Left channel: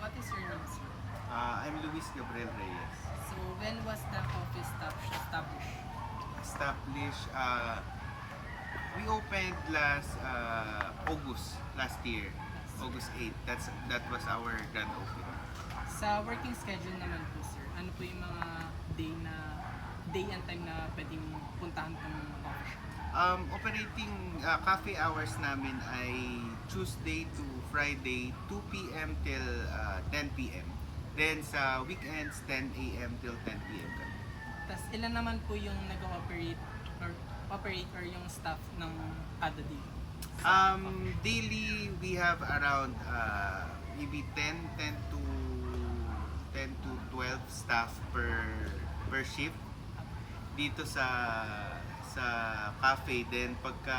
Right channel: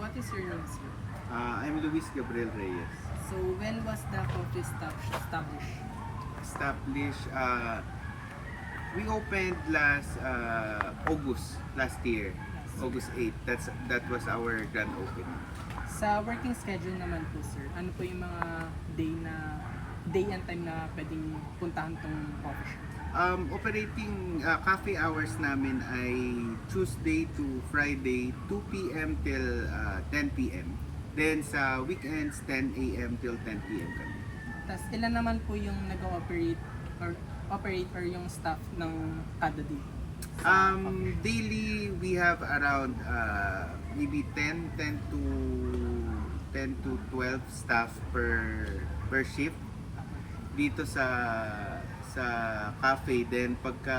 what is your name, sir? I'm Luis Gabriel Reyes. So, when was the coffee established? Established, we opened last August last year, August 8. That was our grand opening. Sa working schedule naman po, sir, ano po yung mga day and time na pwedeng puntahan tong coffee shop? Operating cafe hours namin ay Tuesday to Friday 2 p.m. till 10 p.m. Then sa weekends 10 a.m. till 10 p.m. kami. Tapos ilan naman po yung nag-operate or yung staff ng kada day? Daily we have around maybe 10 to 12 staff per shift dito sa cafe. Then pagka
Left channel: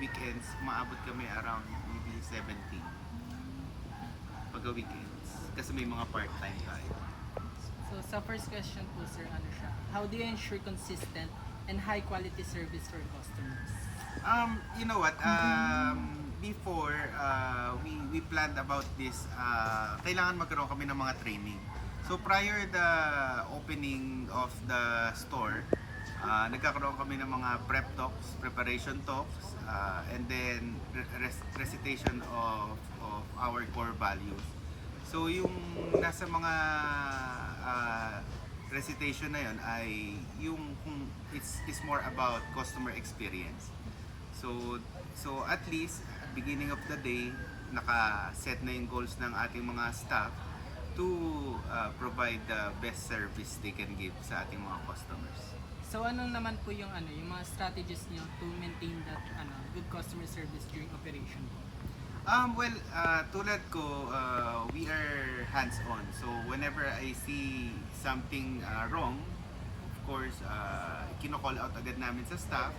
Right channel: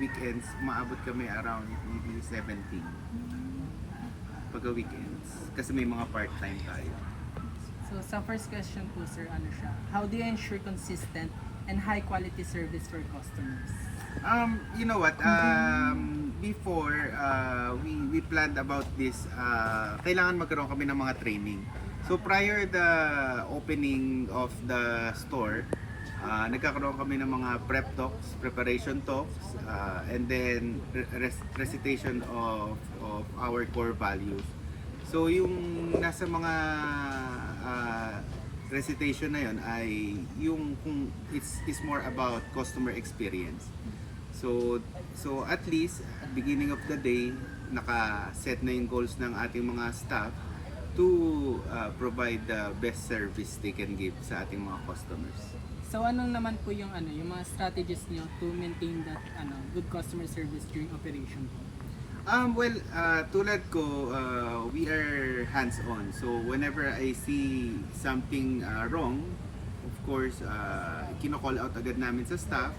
weekends maabot kami around maybe 17 pagka weekends kasi may mga part-time tayo. So sa first question po, sir, ano siya? How do you ensure consistent and high quality service for customers? You know what? Before we planned about this, kailangan magkaroon kami ng mga training. So prior the opening of the store, nagkakaroon kami ng mga prep talks, preparation talks, and then recitation of our core values. So yung nasa mga recitation na yon ay yung kung it's more about customer experience. So at least at beginning of the day naka-set na yung goals ng ating mga staff to provide the best service they can give sa ating mga customers. So ano naman po yung yung mga strategies niyo to maintain that good customer service during operation po? Tulad ko, we are hands-on. So whenever I see something wrong, of course, kino-call out agad namin sa staff.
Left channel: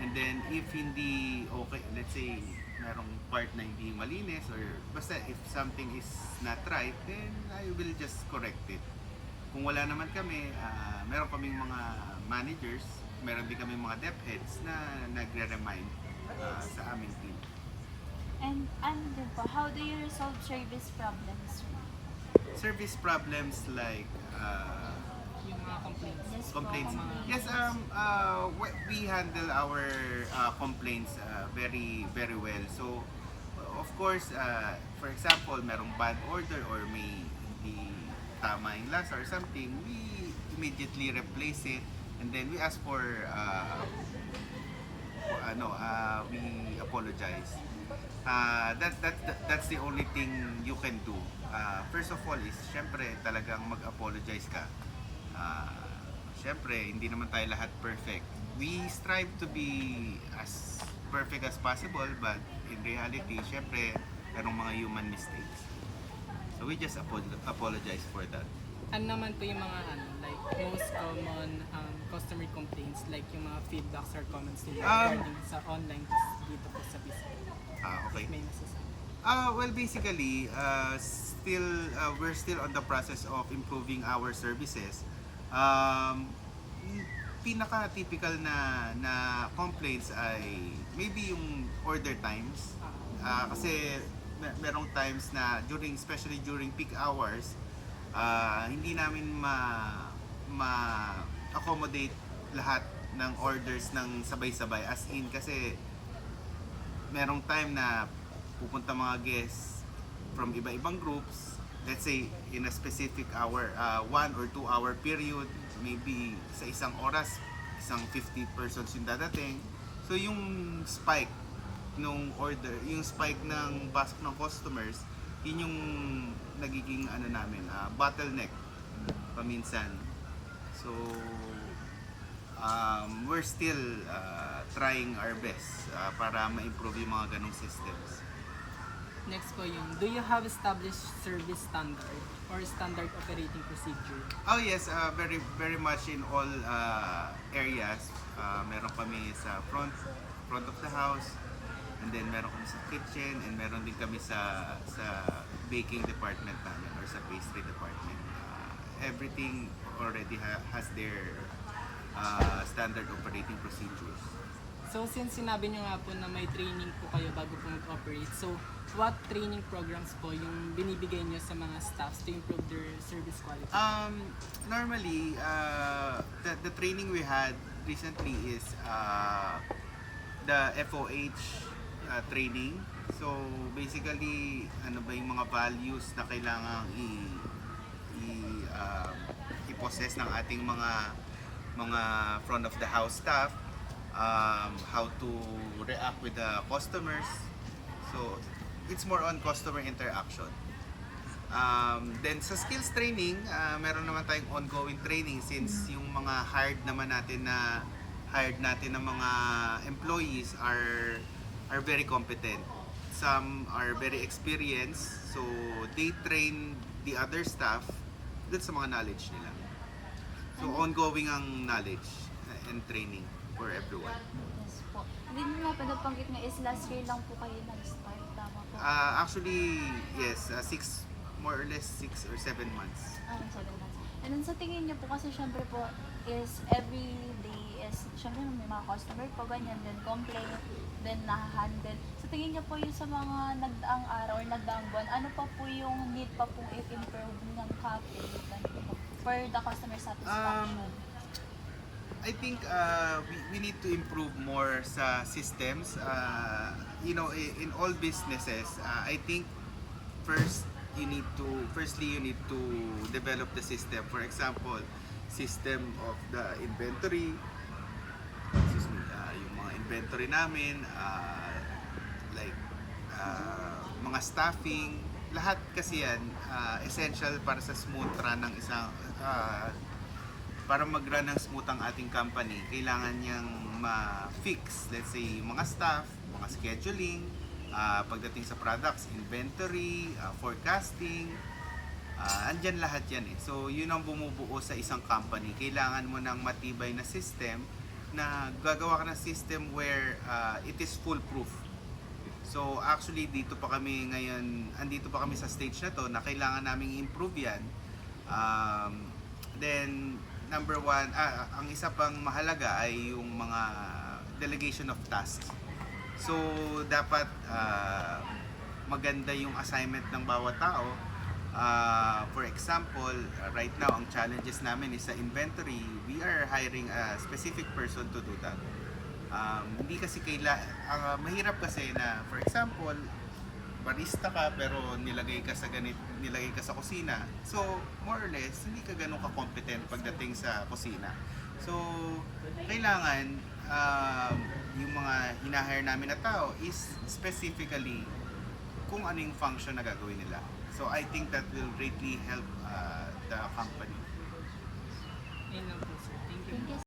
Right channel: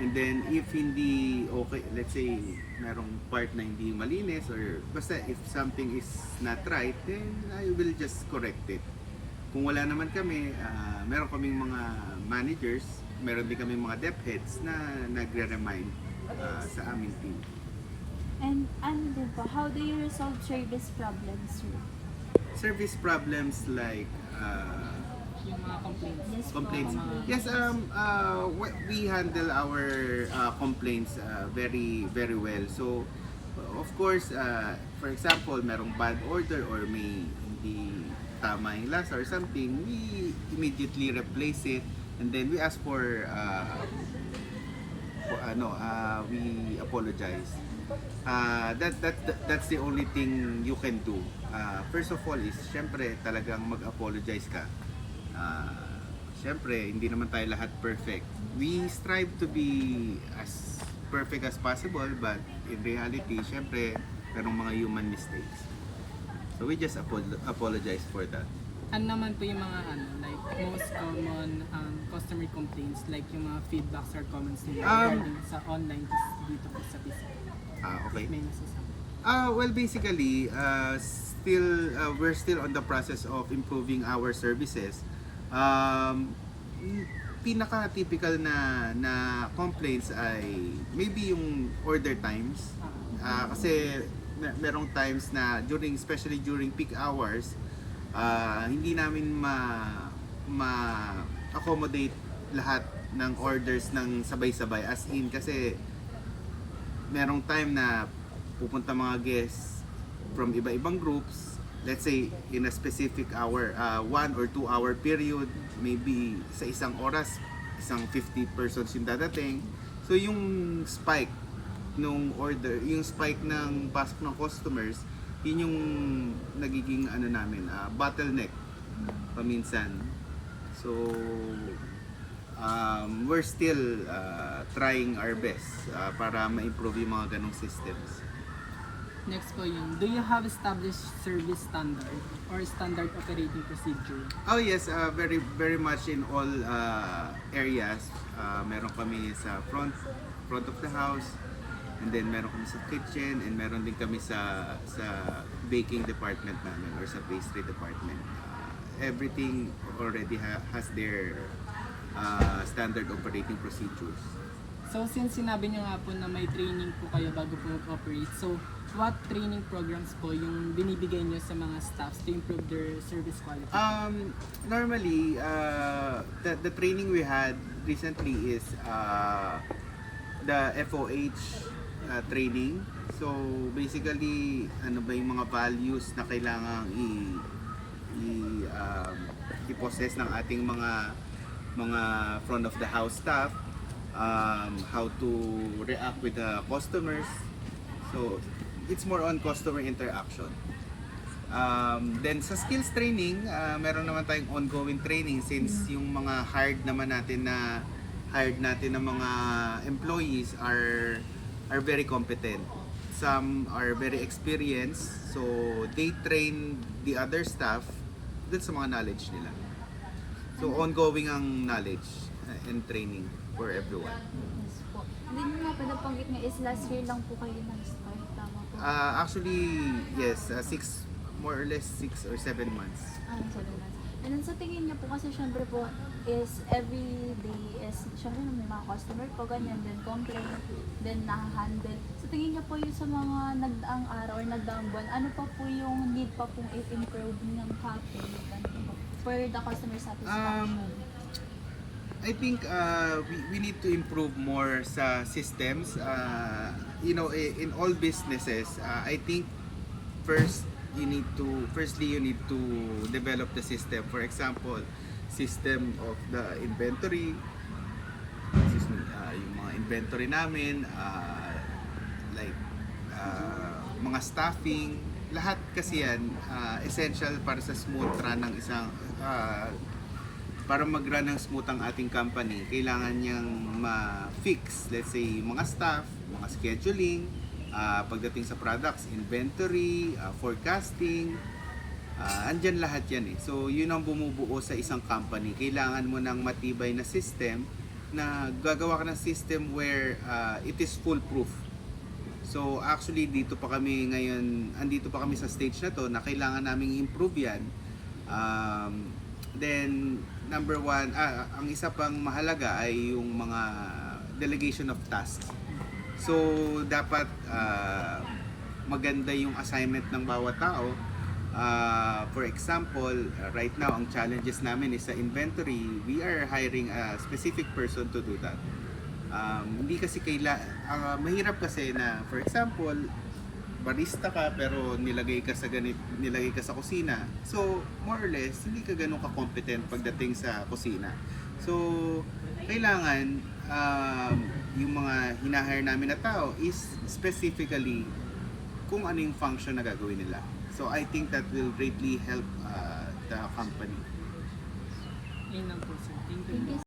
And then if hindi okay, let's say merong part na hindi malinis or basta if something is not right, then I will just correct it. Kung wala naman kami, meron kaming mga managers, meron din kaming mga dep heads na nagre-remind sa aming team. And ano din po, how do you resolve service problems, sir? Service problems like Yung mga complaints? Yes po, complaints. complaints. Yes, we handle our complaints very very well. So of course, for example, merong bad order or may hindi tama yung lasa or something, we immediately replace it and then we ask for we apologize. That's the only thing you can do. First of all is syempre talagang mag-apologize ka. Syempre hindi naman tayo lahat perfect. We strive to be as perfect as possible, but in reality syempre merong mga human mistakes. So we just apologize for that. Ano naman po yung mga like most common customer complaints, like yung mga feedbacks or comments nila regarding sa online dito po sa PC? Okay. May nasasabi. Well, basically, we're still on the process of improving our services. Pinaka-typical na complaints ay maybe yung order times. Kasi merong times na especially during peak hours, hindi namin ma-accommodate lahat ng orders ng sabay-sabay, as in kasi merong time na pupunta mga guests from iba-ibang groups, let's say in a specific hour, 1 or 2 hour period, maybe sa isang oras isang 50 persons yung dadating. So yung spike nung order, yung spike ng pasok ng customers, yun yung nagiging bottleneck paminsan. So we're still trying our best para ma-improve yung mga ganong systems. Next po yung, do you have established service standard or standard operating procedure? Oh yes, very very much in all areas. Meron kami sa front of the house, and then meron kami sa kitchen, and meron din kami sa baking department namin or sa pastry department. Everything already has their standard operating procedures. So since sinabi niyo nga po na may training po kayo bago po mag-operate, so what training programs po yung binibigay nyo sa mga staffs to improve their service quality? Normally, the training we had recently is the FOH training. So basically, ano ba yung mga values na kailangang i-possess ng ating mga front of the house staff, how to react with the customers. So it's more on customer interaction. Then sa skills training, meron naman tayong ongoing training since yung mga hired natin ng mga employees are very competent. Some are very experienced, so they train the other staff dun sa mga knowledge nila. So ongoing ang knowledge and training for everyone. Yes po. Hindi nyo po napanggit nga is last year lang po kayo nag-start. Tama po. Actually, yes, more or less 6 or 7 months. Sige lang. And then sa tingin niyo po kasi syempre po is every day is syempre may mga customer po ganyan then complain then na-handle. Sa tingin niyo po yung sa mga nagdaang araw or nagdaang buwan, ano pa po yung need pa pong i-improve ng cafe for the customer satisfaction? I think we need to improve more sa systems. In all businesses, I think firstly you need to develop the system. For example, system of the inventory. Yung mga inventory namin, mga staffing, lahat kasi yan essential para sa smooth run ng isang para mag-run ng smooth ang ating company. Kailangan niyang ma-fix, let's say, mga staff, mga scheduling, pagdating sa products, inventory, forecasting, andyan lahat yan eh. So yun ang bumubuo sa isang company. Kailangan mo ng matibay na system na gagawa ka ng system where it is foolproof. So actually andito pa kami sa stage na to na kailangan naming improve yan. Then number one, ang isa pang mahalaga ay yung mga delegation of tasks. So dapat maganda yung assignment ng bawat tao. For example, right now ang challenges namin is sa inventory. We are hiring a specific person to do that. Hindi kasi mahirap kasi na, for example, barista ka pero nilagay ka sa kusina. So more or less hindi ka ganun ka-competent pagdating sa kusina. So kailangan yung mga hinahire namin na tao is specifically kung ano yung function na gagawin nila. So I think that will greatly help the company. Yun lang po sir. Thank you. Thank you.